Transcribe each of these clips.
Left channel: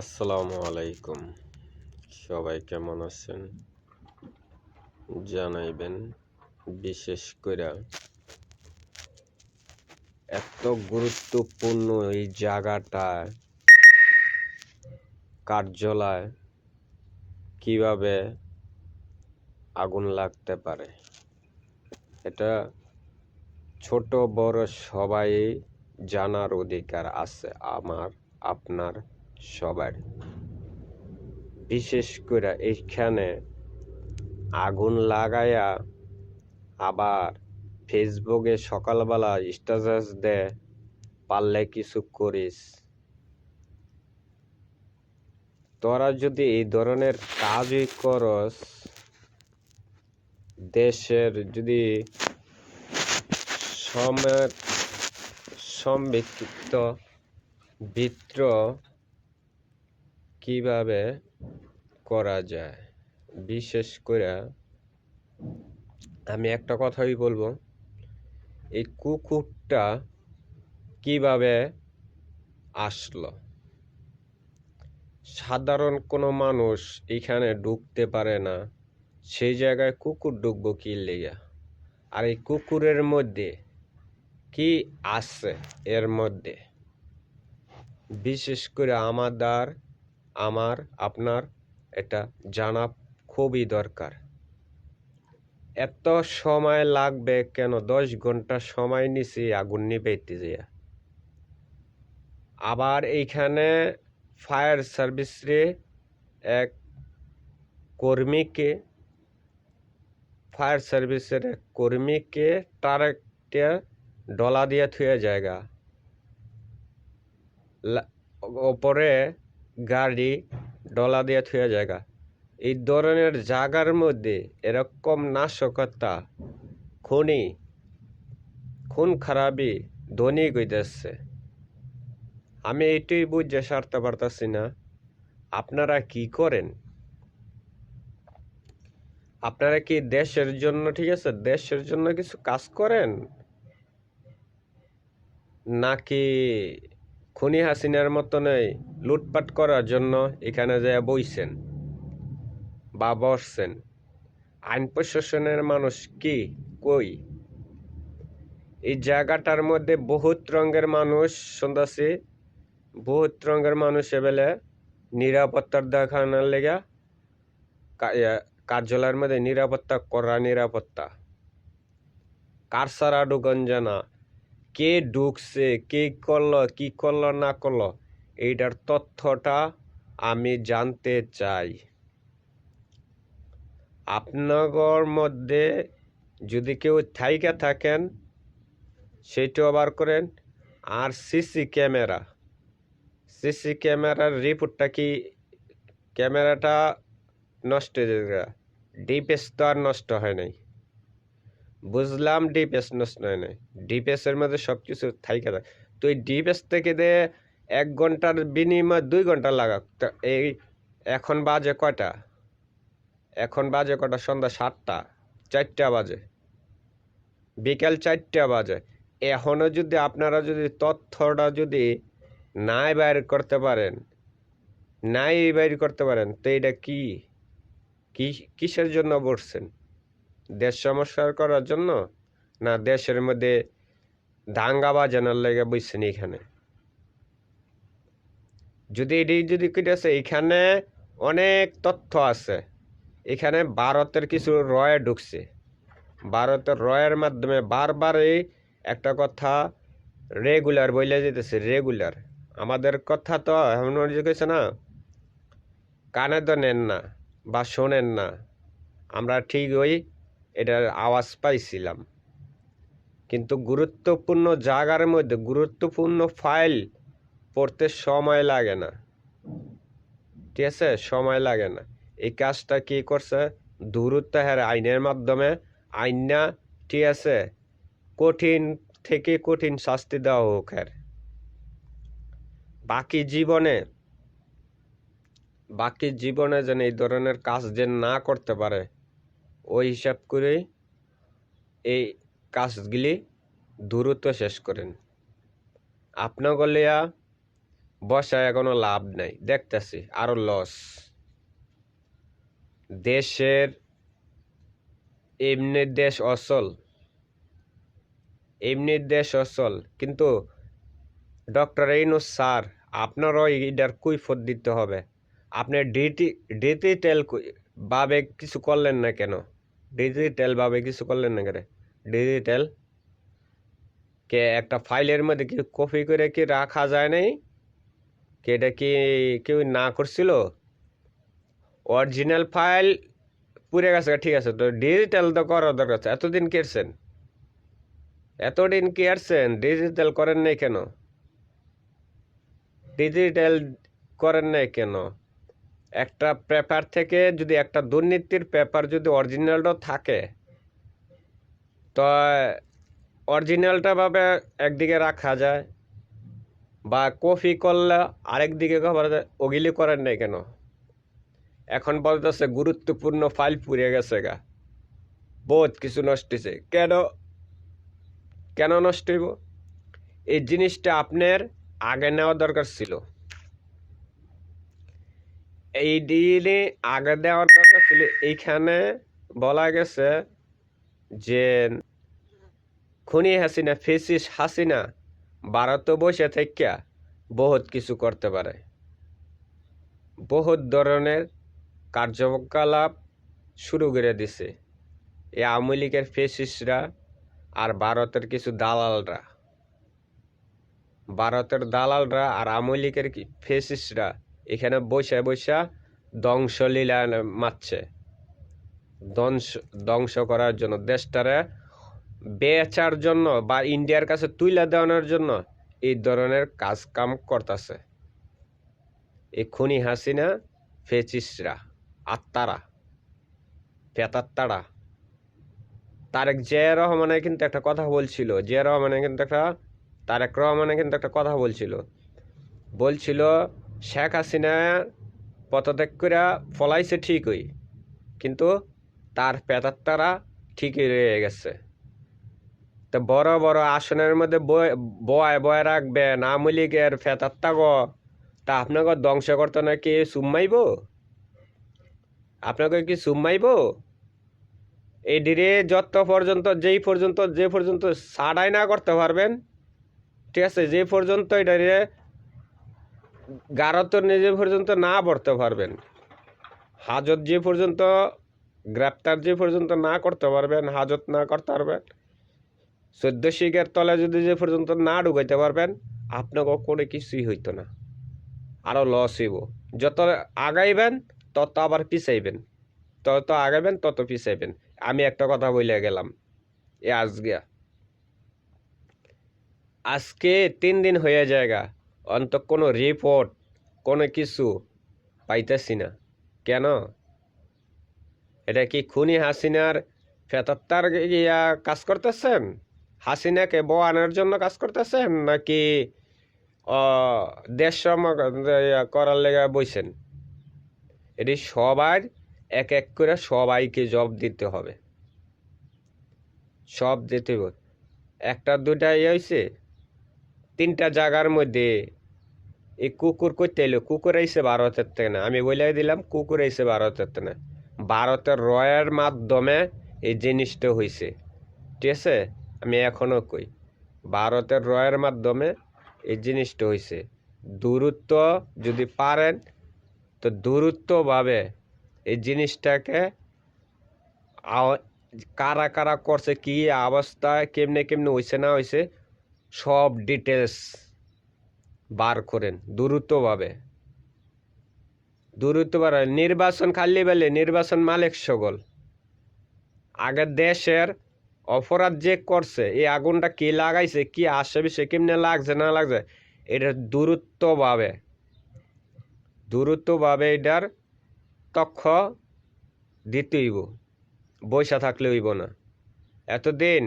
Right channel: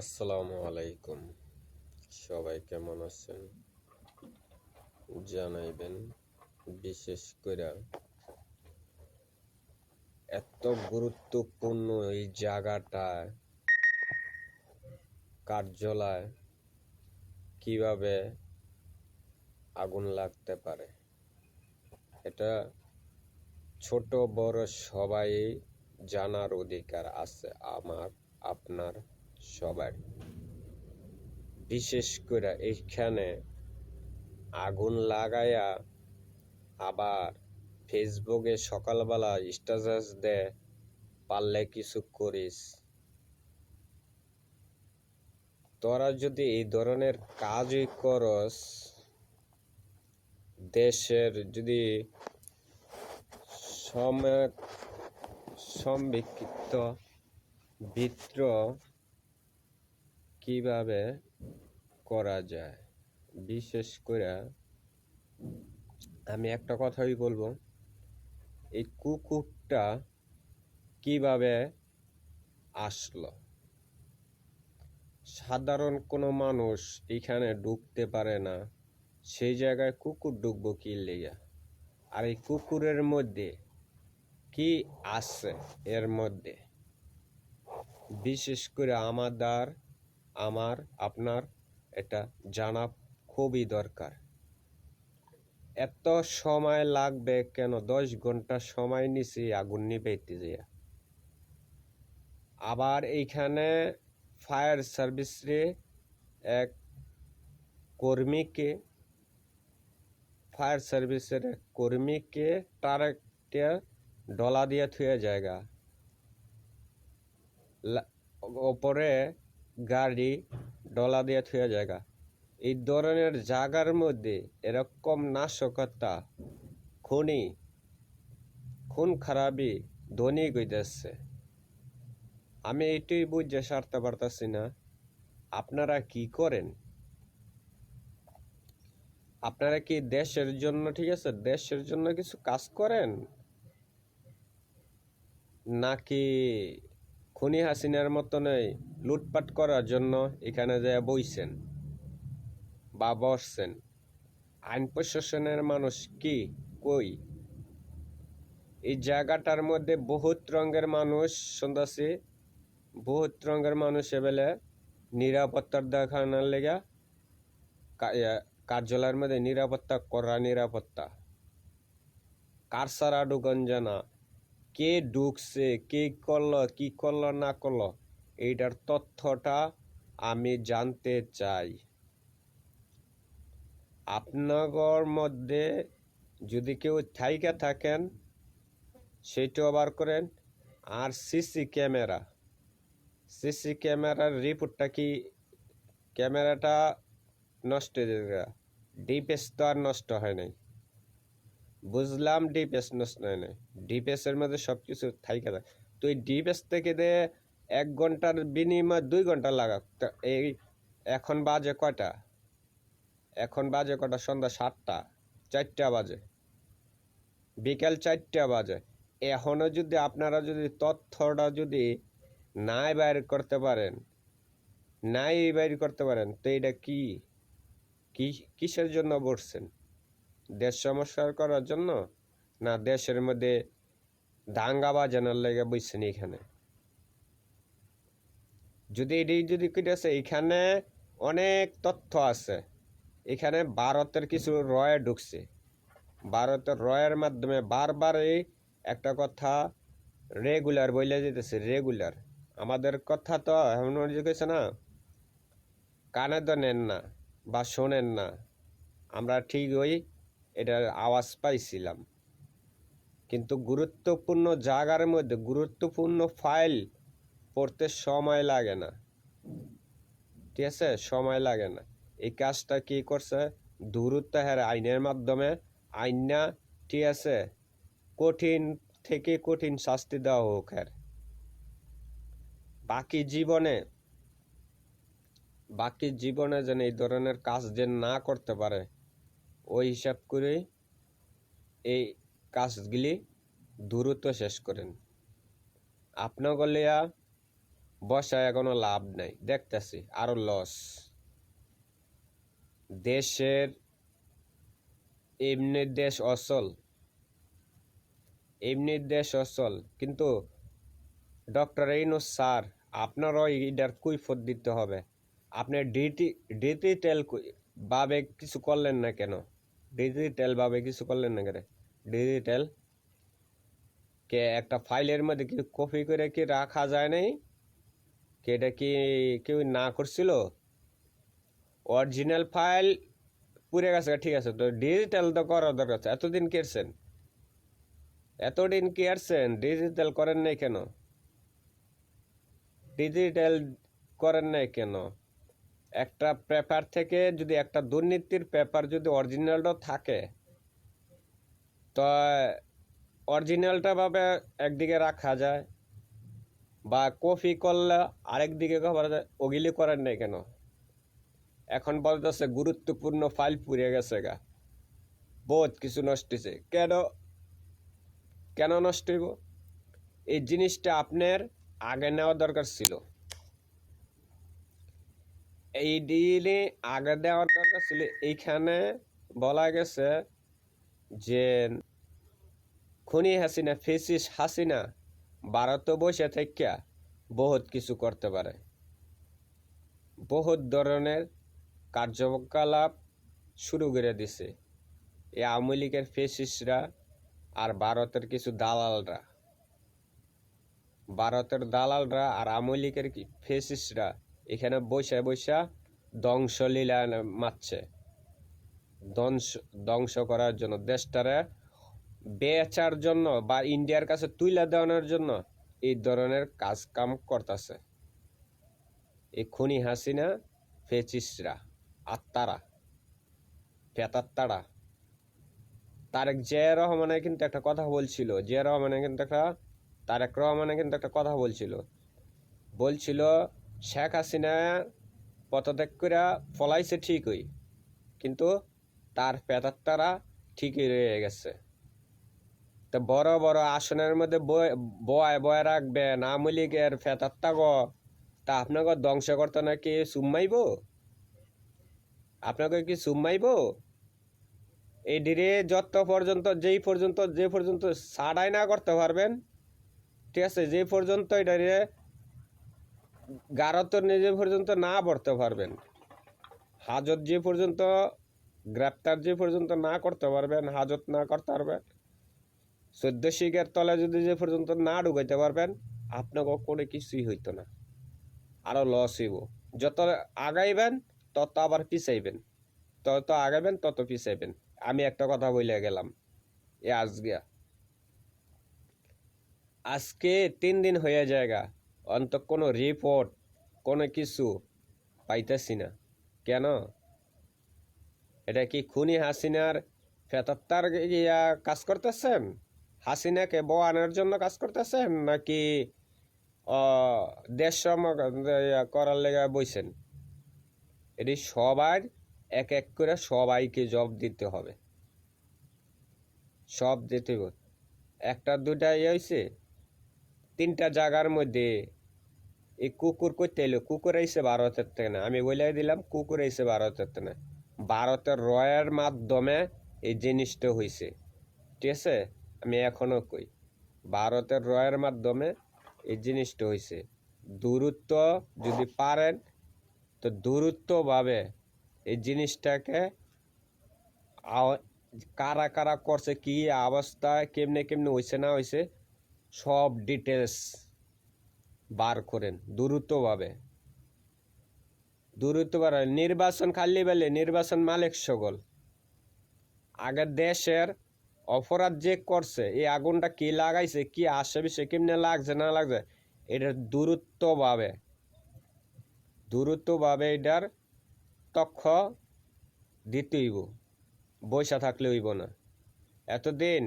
আসসালামু আলাইকুম। সবাই কেমন আছেন জানাইবেন। বিশেষ করে এত গুরুত্বপূর্ণ এই জায়গাটা কার্যালয় কিভাবে আগুন লাগতে পারে, এটা ছোট বড় সবাই জানার অধিকার আছে, আমার আপনার সবার। বিশেষ করে এইখানে আগুন লাগাইয়া আবার ফেসবুকে সকালবেলা স্ট্যাটাস দেয়, পারলে কিছু করিস। তোরা যদি এই ধরনের কাজই করস, দেশের যদি সম্পৃক্ত বিদ্রোহ কিভাবে করা যায়। বিশেষ করে আমি একটা কথাই বলবো, এই কুকুরটা কিভাবে আসলো। সাধারণ কোনো মানুষ এখানে ঢুকতে পারে না, সেই জায়গায় কুকুর ঢুকবো কি লেগা? আর এই কুকুরের মধ্যে কি আছে এর মধ্যে, বিশেষ করে আমার আপনার এটা জানা খুবই দরকার। এত সময় লাগবে কেন? 10 ঘন্টা সময় নিছি আগুন নিভাইতে যায়। আবার এইখানে ফায়ার সার্ভিসে এক কর্মীকে ট্রাকটা ডলা দিয়ে থুয়ে জায়গা ওপরে গাড়ি ডলা দিয়ে থুয়ে জায়গা। এই ধরনের জায়গার মধ্যে এরকম নাশকতা, খুন খারাপি ধনী গইতেছে। আমি এইটাই বুঝে সারতে পারতাছি না, আপনারা কি করেন? আপনারা কি দেশের জন্য, ঠিক আছে, দেশের জন্য কিছু কাজ করেন, নাকি খুনি হাসিনার মতনই লুটপাট করার জন্য এখানে যে বইছেন বা বসছেন? আইন প্রশাসনের মানুষ কি কই? এই জায়গাটার মধ্যে বহুত রঙের মানুষ শুনতেছি, বহুত রঙের মানুষ এবেলে নিরাপত্তার দেখানোর লেগা কার্যালয়ের মধ্যে নিরাপত্তা কার সারা ঢুকন জানা, কে ঢুকছে, কে করলো, কি করলো না করলো, এইটার তথ্যটা আমি জানতে চাই। আপনার মধ্যে যদি কেউ থাইকা থাকেন সেইটাও বার করেন। আর সিসি ক্যামেরার রিপোর্টটা কি? ক্যামেরাটা নষ্ট হয়ে যায়, ডিপিএস তো আর নষ্ট হয় নাই, বুঝলাম ডিপিএস নষ্ট হয় নাই, ডিপিএসের মধ্যে সব কিছু থাইকা থাকে। তো এই ডিপিএস থেকে দিয়ে 1 ঘন্টার বিনিময় 2 ঘন্টা লাগাক। তো এই এখন বাজে কয়টা? সন্ধ্যা 7টা, 4টা বাজে, বিকেল 4টা বাজে। এখনো যদি আপনারা যদি তথ্যটা যদি নাই বাইর করতে পারেন, তো এটা কিসের জন্য বসছেন? দেশ সমস্যা করার জন্য, না দেশের মধ্যে দাঙ্গা বাজানোর লেগে বসছেন? এখানে যদি কেটেছে, এখানে অনেক তথ্য আছে। এখানে ভারতের কিছু রয়ে ঢুকছে, ভারতের রয়ের মাধ্যমে বারবারই একটা কথা রেগুলার বলে যেতেছে, রেগুলার। আমাদের কথা তো এমন গেছে না, কানে তো নেন না বা শোনেন না, আমরা ঠিকই এটার আওয়াজ পাইছিলাম, কিন্তু গুরুত্বপূর্ণ জায়গার মধ্যে গুরুত্বপূর্ণ ফাইল পড়তে সময় লাগে না, ঠিক আছে, সময় লাগে না। এই কাজটা কি করছে? দ্রুত আইনের মাধ্যমে আইনা, ঠিক আছে, কঠিন থেকে কঠিন শাস্তি দেওয়া হোক। বাকি জীবনে যেন এই ধরনের কাজ যে না করতে পারে, ওই হিসাব করেই এই কাজগুলি দ্রুত শেষ করেন। আপনার গলিয়া বসায় কোনো লাভ নাই, দেখতেছি আরো লস। দেশের এমনি দেশ অচল, এমনি দেশ অচল, কিন্তু ডক্টর ইউনূস স্যার আপনারও এটার কৈফিয়ত দিতে হবে। আপনি ডিজিটাল ভাবে কিছু করলেন না কেন? ডিজিটাল ভাবে কিছু করলেন না কেন? ডিজিটাল কে একটা ফাইলের মধ্যে কি কপি করে কি রাখা যায় নাই? কি এটা কি কেউ না করছিল? অরিজিনাল ফাইল পুড়ে গেছে, ঠিক আছে, তো ডিজিটাল তো করার দরকার আছে। এতদিন কেরছেন, এতদিন কি আসছেন, ডিজিটাল করেন নাই কেন? ডিজিটাল করেন নাই কেন? একটা পেপার থেকে যদি একটা দুর্নীতির পেপার যদি অরিজিনালটা থাকে, তো অরিজিনালটা ভাবে একদিকে রাখা যায়, বা কপি করলে আরেক দিকে করা যায়। ওগুলি করেন নাই কেন? এখন বলতেছে গুরুত্বপূর্ণ ফাইল পুড়ে গেছে গা, বহুত কিছু নষ্ট হয়েছে। কেন কেন নষ্ট হইব? এই জিনিসটা আপনার আগে নেওয়া দরকার ছিল। এই দিনে আগে দেওয়ার দরকার ছিল। এইখানে বলা গেছে যে খুনি হাসিনা, ফেসিস হাসিনা ভারতে বসে থেকে বহুত কিছু করতে পারে, বহুত ধরনের কার্যকলাপ শুরু করে দিছে এই আওয়ামী লীগের ফেসিসরা আর ভারতের কিছু দালালরা। ভারতের দালালরা আর আওয়ামী লীগের ফেসিসরা এখানে বসে বসে ধ্বংসলীলা মারছে, ধ্বংস করার জন্য, দেশটারে বেচার জন্য বা ইন্ডিয়ার কাছে তুলে দেওয়ানোর জন্য এই ধরনের কাজ কাম করতেছে এই খুনি হাসিনা ফেসিসরা, আত্মারা, পেতাত্তারা। তারেক জিয়া রহমানে কিন্তু একটা কথা বলছিল, তারেক রহমানে কিন্তু একটা কথা বলছিল শেখ হাসিনা পদত্যাগ করে ফলাইছে ঠিকই, কিন্তু তার পেতাত্তারা ঠিকই রয়ে গেছে। তো বড় বড় আসনের মধ্যে বয় বয় রাখবেন আওয়ামী লীগের ফেতাত্তা গো, তা আপনাকে ধ্বংস করতে নাকি সুম্মাইব? আপনাকে কি সুম্মাইব? এডিরে যত পর্যন্ত যে পর্যন্ত সাড়াই না করতে পারবেন, ঠিক আছে, যে পর্যন্ত এটারে গারত নিজে পর্যন্ত না পড়তে পারবেন, হাজত যে পর্যন্ত গ্রেপ্তার যে পর্যন্ত না করতে পারবেন, হাজত না করতে পারবেন, 14 শিখের তলে যদি যে পর্যন্ত না ঢুকাইতে পারবেন, আপনাকে কোনো কিছুই হইতো না, আরো লস হইব। যত আগাইবেন তত আবার পিছাইবেন, তত আগাবেন তত পিছাইবেন। আমি একটা কথা বলে গেলাম, আজকে 3 দিন হয়ে যায়গা, অন্ত কোনো রিপোর্ট কোনো কিছু পাইতেছি না। কেন? এটা কি খুনি হাসিনার ফেতাত্তার কাজ করতেছেন? হাসিনাকে বয়ানোর জন্য কাজ করতেছেন, নাকি দেশ করার লেগে বইছেন? এটি সবার এক এক করে সবাইকে জব দিতে হবে, সব দিতে হবে। একটা দুটা হয়েছে, 3টা জায়গার মধ্যে এই কুকুর করতে এলো, কুকুর আইসে ভারতের থেকে না, আমি বলে দিলাম কুকুর আইসে ভারতের থেকে না, ভারতের রয়ের মাধ্যমে এই জিনিসটা হয়েছে, ঠিক আছে? আমি এখনো কই ভারতের রয়ের মাধ্যমে এই জিনিসটা হয়েছে। দূরত্ব যদি পারেন তো দূরত্বভাবে এই জিনিসটাকে কারা কারা করছে, কি অবস্থায়, কেমনে কেমনে হয়েছে না হয়েছে, সব ডিটেলস বার করেন দ্রুতভাবে। নির্বাচন খালি বেলে নির্বাচন মালিক সকল আগে দেশের অপরাধ যে করছে, এই আগুনটা কি লাগাইছে, কি আশেপাশে কেমনে লাগছে না লাগছে, এটা দ্রুতভাবে এটার তথ্য দিতে হইব, বৈশা থাকলে হইব না। এতদিন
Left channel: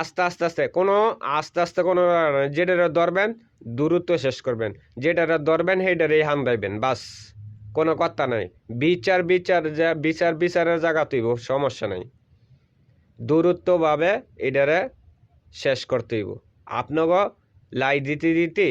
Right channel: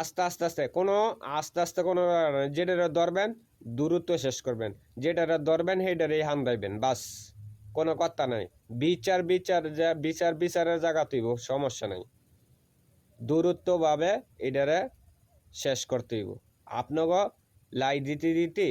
আস্তে আস্তে কোনো যেটা ধরবেন দূরত্ব শেষ করবেন, যেটা ধরবেন সেইটারে হান দিবেন, বাস, কোনো কথা নাই। বিচারের জায়গা তৈব, সমস্যা নাই। দূরত্বভাবে এটারে শেষ করতে হইব। আপনাকে লাই দিতে